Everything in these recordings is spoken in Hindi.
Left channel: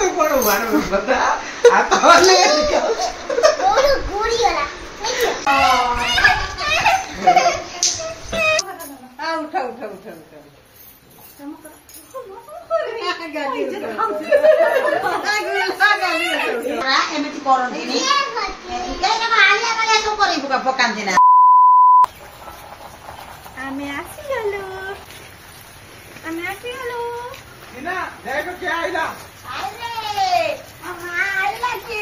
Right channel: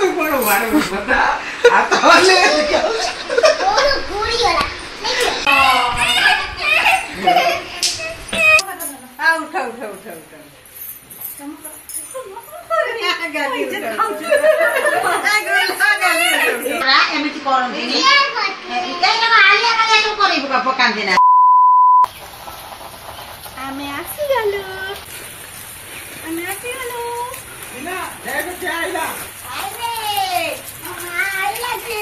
तू कोण वाढ बता आता ले ओरो गोरी वाला आ उठा उठा उठा उठा एमती करन्तिनी केनमा आलिया माले तो करिबो पकान्दिना आमे आसिगलो बिना जायको क्या आइला आइले अम्मा आइला के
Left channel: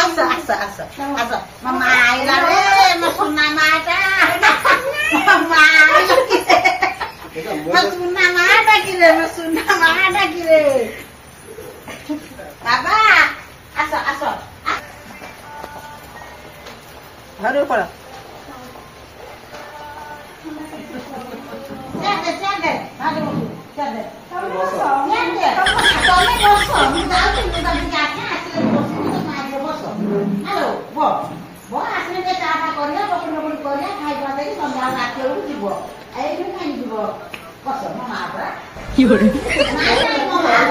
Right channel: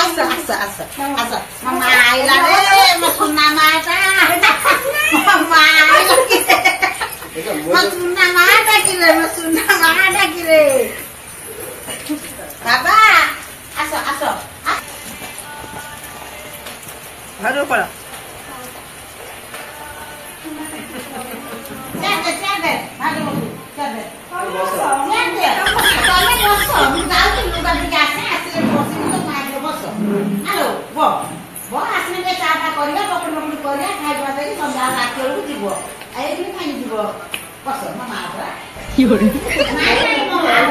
आसा आसा आसा आसा मम्मा आइला रे म सुन्ना माटा मम्मा आइला म सुन्ना माटा कि रे बाबा आसा आसा घरु पड़ा चल भागो चल तमे बसो म जाऊ तिमी त गाछे आसले बसि त मागे बसो हेलो वो आसने के चाटा करिया पकड़ करिया खाइ बसे कि संध्या राति बेलु जीवो एइ भी खाइ जीवो बसो म मारा योरे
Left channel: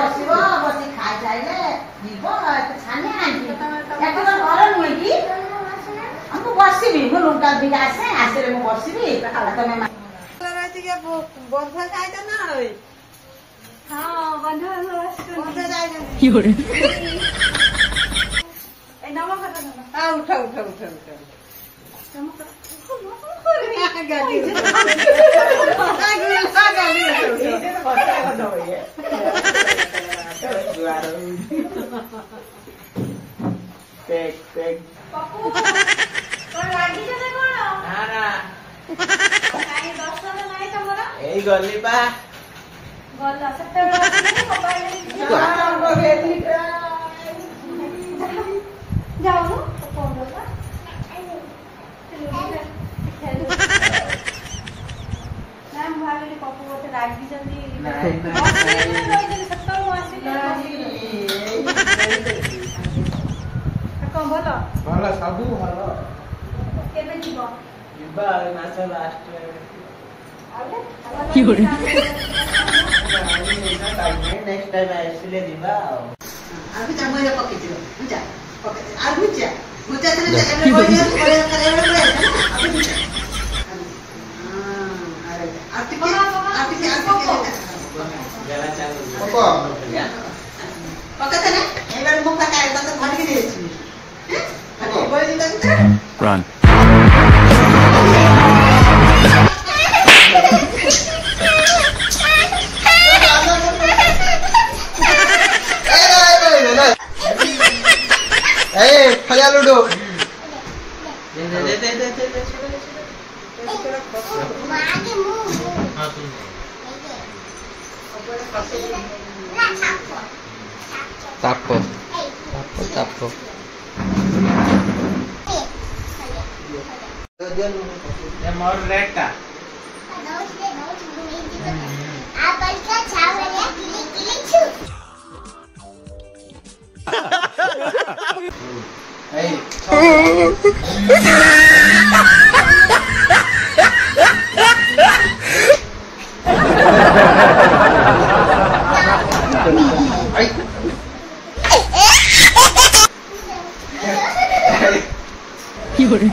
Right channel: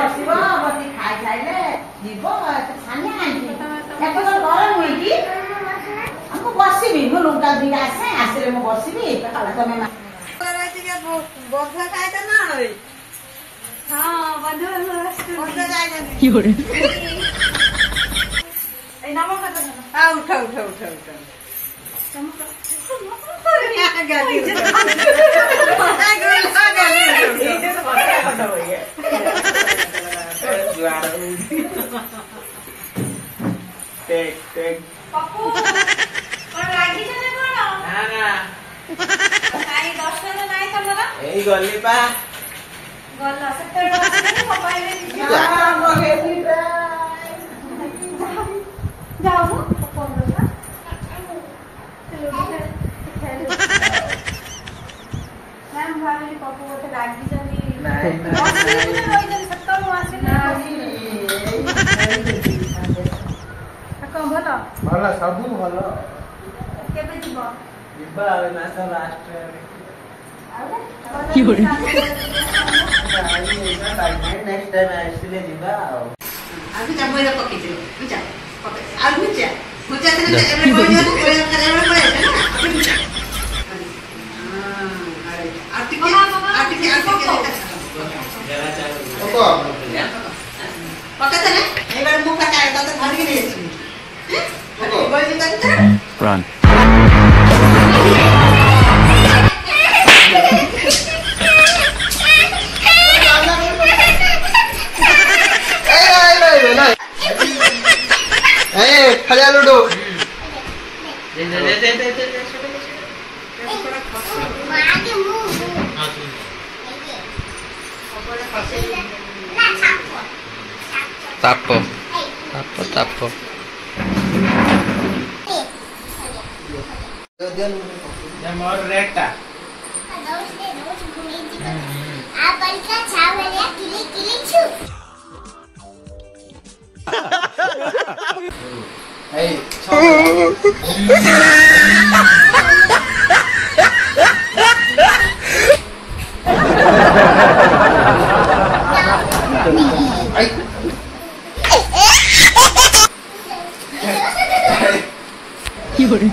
बसिबो बसि खाइ जाइले जीवो त छाने आइबी याको त घर नुइ कि हम बसिबी म लुगा दिगासे आसले म बसिबी तमे राति के बंधा खाइ त ना होई हां बंधा जाय योरे ए नाम खत आ उठा उठा उठा उठा गाली टेक पप्पू तो लागी जने कोन ना ना काई दर्शन नाही तमरा एई गल्ली पा गल्ला सत्तर वर्ष मोबाइल जा मगे जाओ पप्पू बोला मैम भाभी पप्पू को लागी जनी नहीं सत्तर वर्ष कौन बोलो भला सबु भला केबे जीवो इबा मास लास्ट योरे नेक्स्ट टाइम आइसले दिबा अभी त मैले पकिदियो बुझा पके आ बुझा बुझा त एबे कोइ करे बुझा अरे आर्टिके जरा चालू ओको पके त ने एबे मुख काए त धडकी दिएछि हैं गइले त run खलिया लूडो आगे मुंह हां तू ना छापो tapo tapo tapo ये मोर रेटा आप बड़का छावलिया किली किली छु ए योरे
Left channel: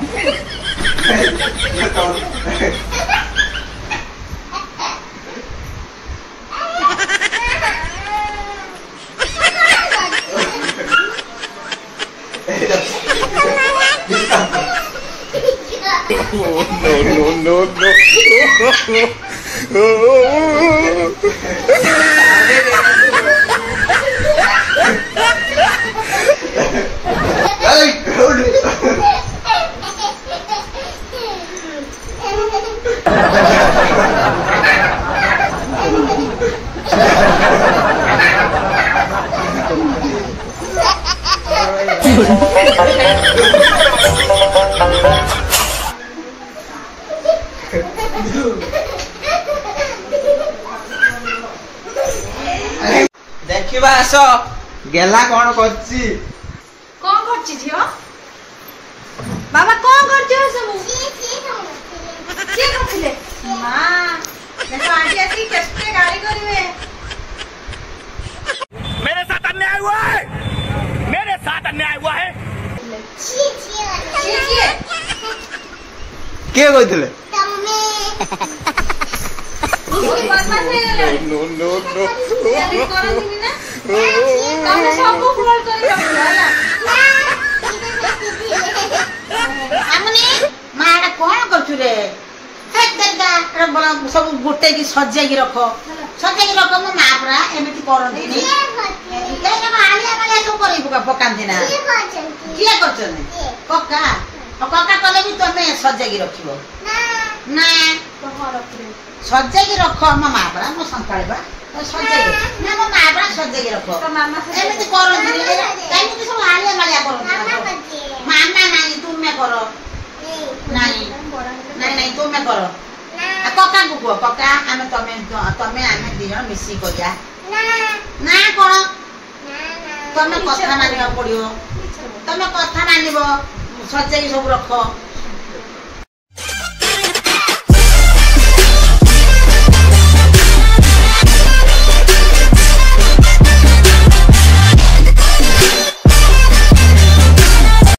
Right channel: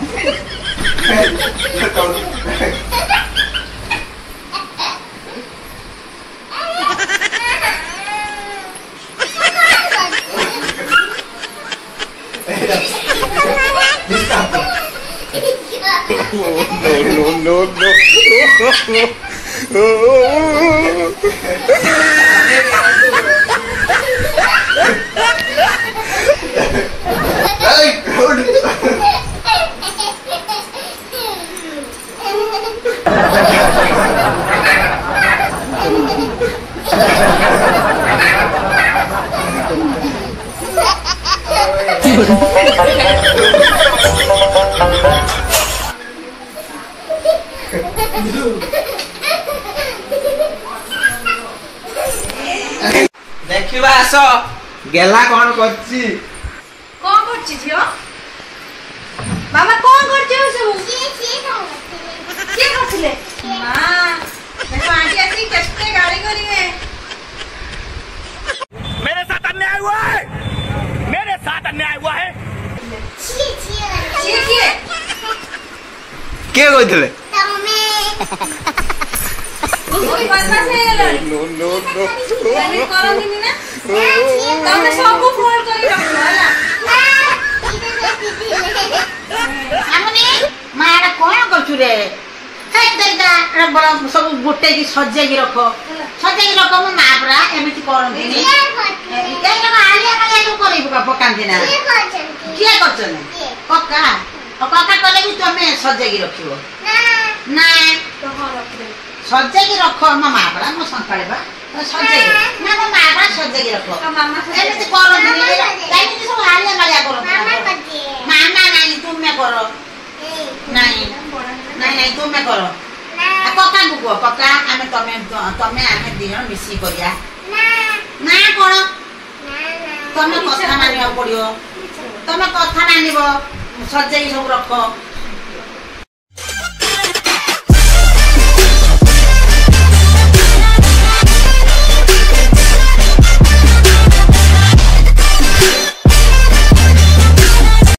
देखिबा आस गेला कोन करछि कौन करछि थियो बाबा कौन करछि सब के करथिले मां देखो आंटी आसी केस्टे गाड़ी କହିଥିଲେ बदमाश ହେଇଗଲାଣି। नो नो नो ଏମିତି କରନ୍ତିନି ନା? ତମେ ସବୁ ଫୋନ କରି ରଖିବ ହେଲା। ଆମନେ ମାଡା କଣ କରୁଛୁ ରେ ସବୁ ଗୋଟେକି ସଜେଇକି ରଖ ମୋ ମା ପରା ଏମିତି କରନ୍ତିନି ପକାନ୍ତି ନା କିଏ କରୁଛନ୍ତି କକା କକା କଲେ ବି ତମେ ସଜେଇକି ରଖିବ ନା ସଜେଇକି ରଖ ମୋ ମା ପରା ମୋ ସନ୍ତାଳି ବା ସଜେଇକି ନା ମୋ ମା ପରା ସଜେଇକି ରଖ ଏମିତି କରନ୍ତିନି କାହିଁକି ସବୁ ଆଳିଆ ମାଳିଆ କରନ୍ତି ମାମା ନାଇଁ ତୁମେ କର ନାଇଁ ନାଇଁ ନାଇଁ ତୁମେ କର କକାଙ୍କୁ କୁହ କକା ଆମେ ତମେ ଆମେ ଦି ଜଣ ମିଶିକି କରିବା ନା କଣ ତମେ କଥା ମାନିବାକୁ ପଡିବ ତମେ କଥା ମାନିବ ସଜେଇକି ସବୁ ରଖ